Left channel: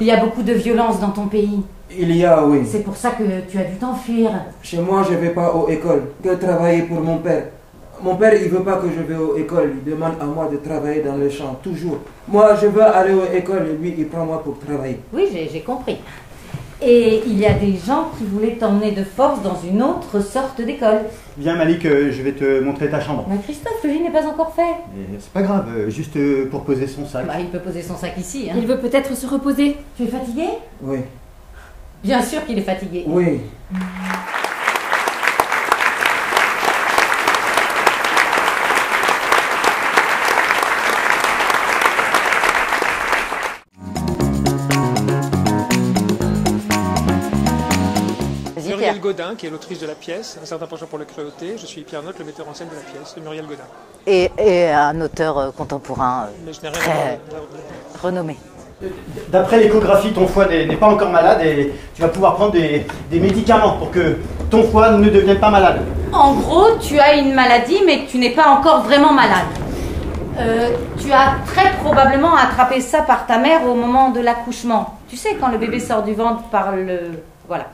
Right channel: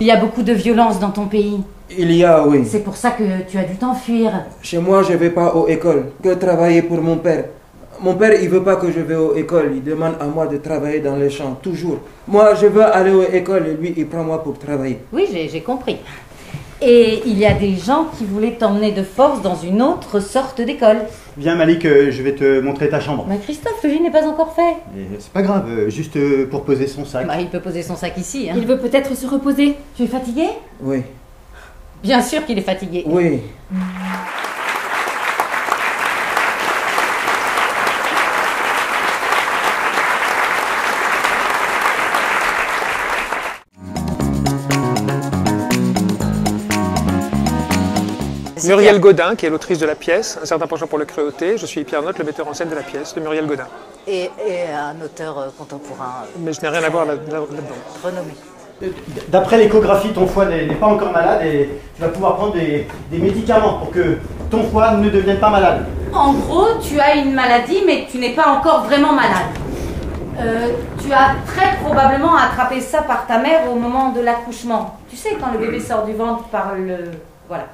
Il y a beaucoup de violence dans ton pays. Il y a, oui. C'est pour ça que tu as dû t'enfuir. Chez moi, je ne vais pas aux écoles, que travailler pour mon père. Mon père, il ne veut pas que je vais aux écoles. Il demande à moi de travailler dans les champs, toujours. Moi, je veux aller aux écoles et lui, il prend moi pour travailler. Oui, j'ai compris. Et il y a des gens qui voulaient t'emmener de force dans une autre sorte d'école. Viens Malik, je vais te montrer ta chambre. Mais Christophe, le lit n'est pas encore fait. C'est pas grave, juste pour poser son sac. Bah, il peut poser son sac ici. Hein. Il veut peut-être se reposer. Tu es fatigué? Oui. Bien sûr qu'il est fatigué. Oui. Muriel Godin, qui est l'autrice de la pièce, Un certain penchant pour le cruauté. Je suis Pierre Notte, le metteur en scène de la pièce, de Muriel Godin. Et un auteur contemporain. Mais je n'ai rien à voir là-dedans. Renommé. D'après l'échographie, ton foie n'est pas encore malade et tu vas pouvoir prendre des médicaments pour que ton foie ne devienne pas malade. En gros, tu as une maladie, mais tu n'es pas encore vraiment malade. Tu as très probablement attrapé ça par ta mère au moment de l'accouchement. Tu sais, quand le bébé sort du ventre par le... Voilà.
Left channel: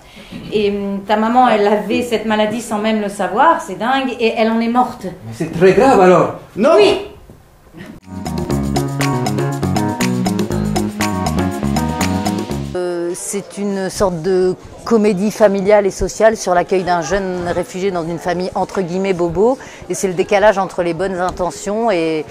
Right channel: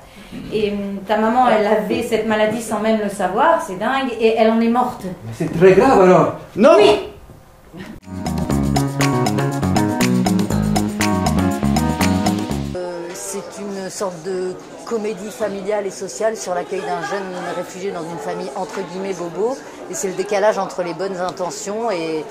Et ta maman, elle avait cette maladie sans même le savoir, c'est dingue, et elle en est morte. Mais c'est très grave alors. Non. Oui. C'est une sorte de comédie familiale et sociale sur l'accueil d'un jeune réfugié dans une famille entre guillemets bobo. Et c'est le décalage entre les bonnes intentions et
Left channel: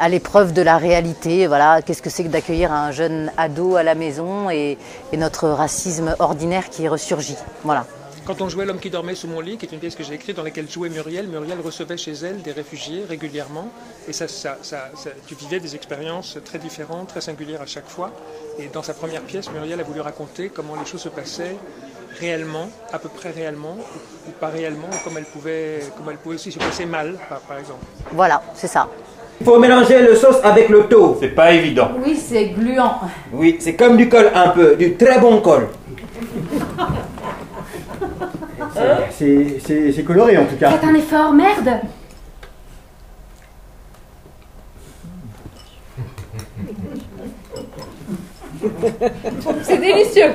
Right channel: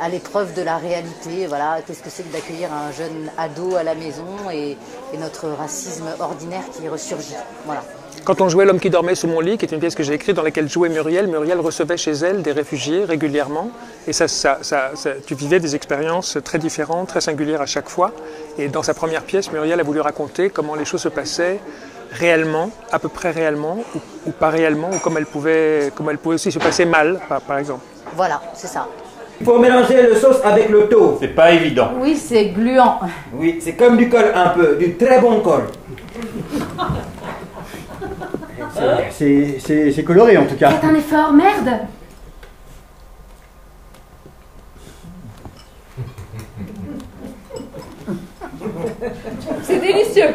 à l'épreuve de la réalité. Voilà, qu'est-ce que c'est que d'accueillir un jeune ado à la maison et notre racisme ordinaire qui ressurgit. Voilà. Quand on jouait L'homme qui dormait sous mon lit, qui est une pièce que j'ai écrite dans laquelle jouait Muriel, Muriel recevait chez elle des réfugiés régulièrement. Et tu vivais des expériences très différentes, très singulières à chaque fois. Et dans sa première pièce, Muriel a voulu raconter comment les choses se passaient réellement, à peu près réellement, ou pas réellement, ou comme elles pouvaient aussi se passer mal, par exemple. Voilà, c'est ça. Il faut mélanger le sauce avec le thau. C'est pas évident. Oui, c'est gluant. Oui, c'est comme du col un peu, du très bon col. C'est coloré en tout cas. Faites un effort, merde. C'est délicieux.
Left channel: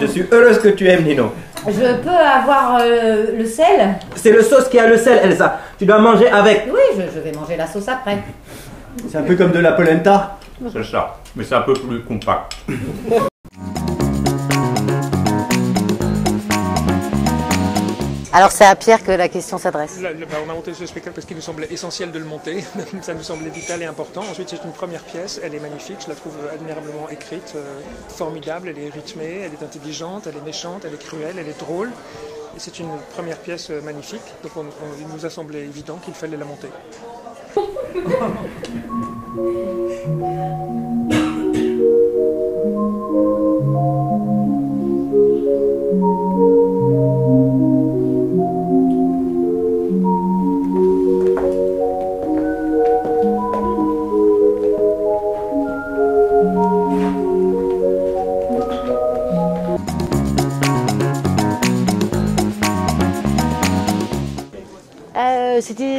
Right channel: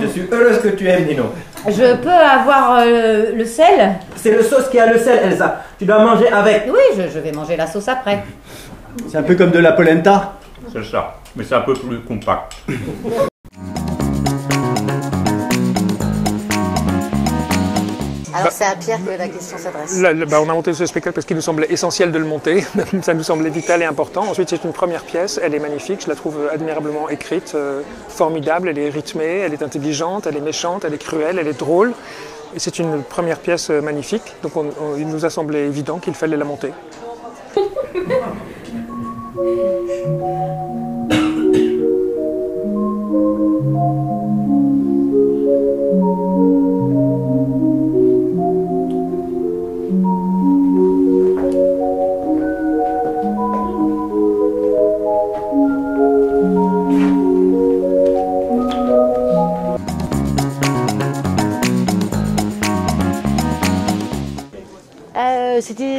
Je suis heureuse que tu aimes, Nino. Je peux avoir le sel? C'est le sauce qui a le sel, Elsa. Tu dois manger avec. Oui, je vais manger la sauce après. C'est un peu comme de la polenta. C'est ça, mais c'est un peu plus compact. Alors c'est à Pierre que la question s'adresse. On a monté ce spectacle parce qu'il nous semblait essentiel de le monter. Ça nous semblait vital et important. Ensuite, c'est une première pièce. Elle est magnifique. Je la trouve admirablement écrite, formidable. Elle est rythmée, elle est intelligente, elle est méchante, elle est cruelle, elle est drôle. Et c'est une première pièce magnifique. Donc il nous a semblé évident qu'il fallait la monter.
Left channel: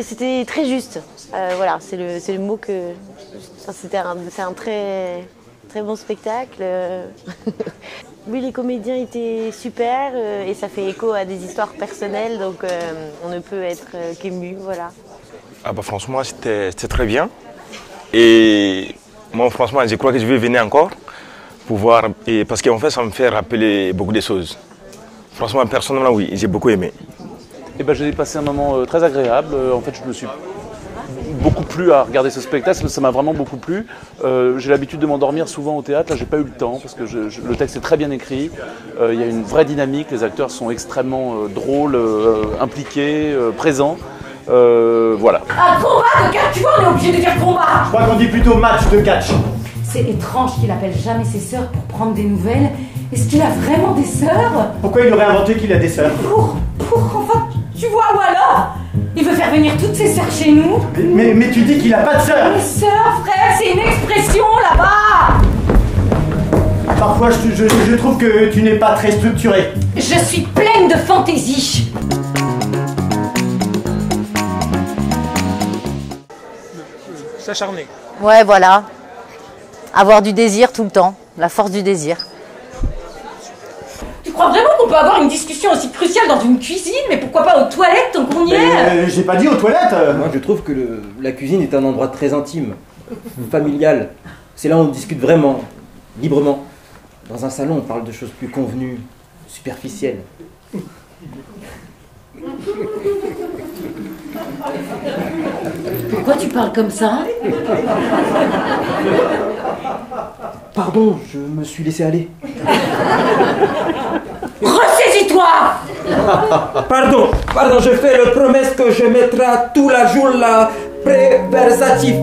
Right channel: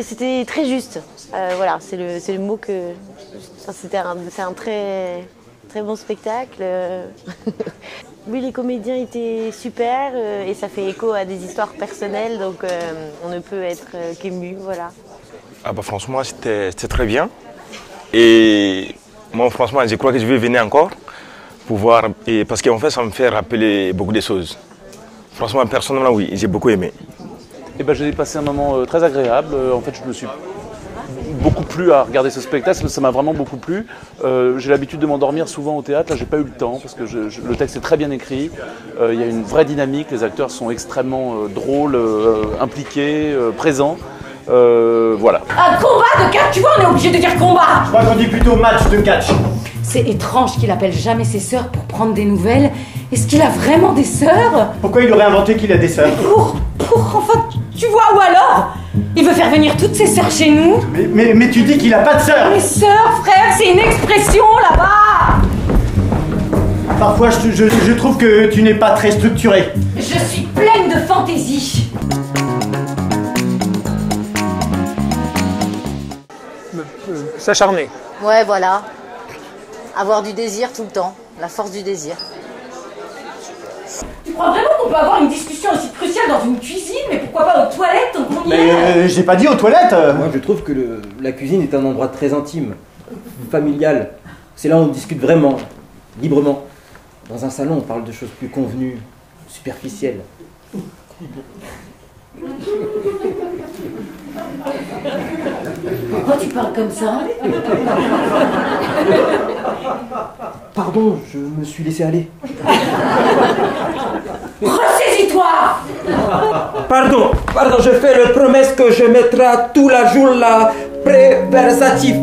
C'était très juste. Voilà, c'est le mot que... C'est un très bon spectacle. Oui, les comédiens étaient super et ça fait écho à des histoires personnelles, donc on ne peut être qu'ému, voilà. Ah bah franchement, c'était très bien. Et moi, franchement, je crois que je vais venir encore pour voir, parce qu'en fait, ça me fait rappeler beaucoup de choses. Franchement, personnellement, oui, j'ai beaucoup aimé. Et ben, j'ai passé un moment très agréable. En fait, je me suis beaucoup plu à regarder ce spectacle, ça m'a vraiment beaucoup plu. J'ai l'habitude de m'endormir souvent au théâtre, là j'ai pas eu le temps parce que le texte est très bien écrit. Il y a une vraie dynamique, les acteurs sont extrêmement drôles, impliqués, présents. Voilà. Un combat de catch, tu vois, on est obligé de dire combat. Je crois qu'on dit plutôt match de catch. C'est étrange qu'il appelle jamais ses sœurs pour prendre des nouvelles. Est-ce qu'il a vraiment des sœurs? Pourquoi il aurait inventé qu'il a des sœurs? Enfin, tu vois, ou alors il veut faire venir toutes ses sœurs chez nous. Mais tu dis qu'il a pas de sœurs. Les sœurs, frère, c'est une expression là-bas. Parfois, je trouve que tu n'es pas très structuré. Je suis pleine de fantaisie. S'acharner. Ouais, voilà. Avoir du désir tout le temps, la force du désir. Tu crois vraiment qu'on peut avoir une discussion aussi cruciale dans une cuisine? Mais pourquoi pas aux toilettes tant qu'on y est? J'ai pas dit aux toilettes. Moi, je trouve que la cuisine est un endroit très intime, familial. C'est là où on discute vraiment, librement. Dans un salon, on parle de choses plus convenues, superficielles. Pourquoi tu parles comme ça? Pardon, je me suis laissé aller. Ressaisis-toi! Pardon, je fais la promesse que je mettrai tout la jour là, préversatif.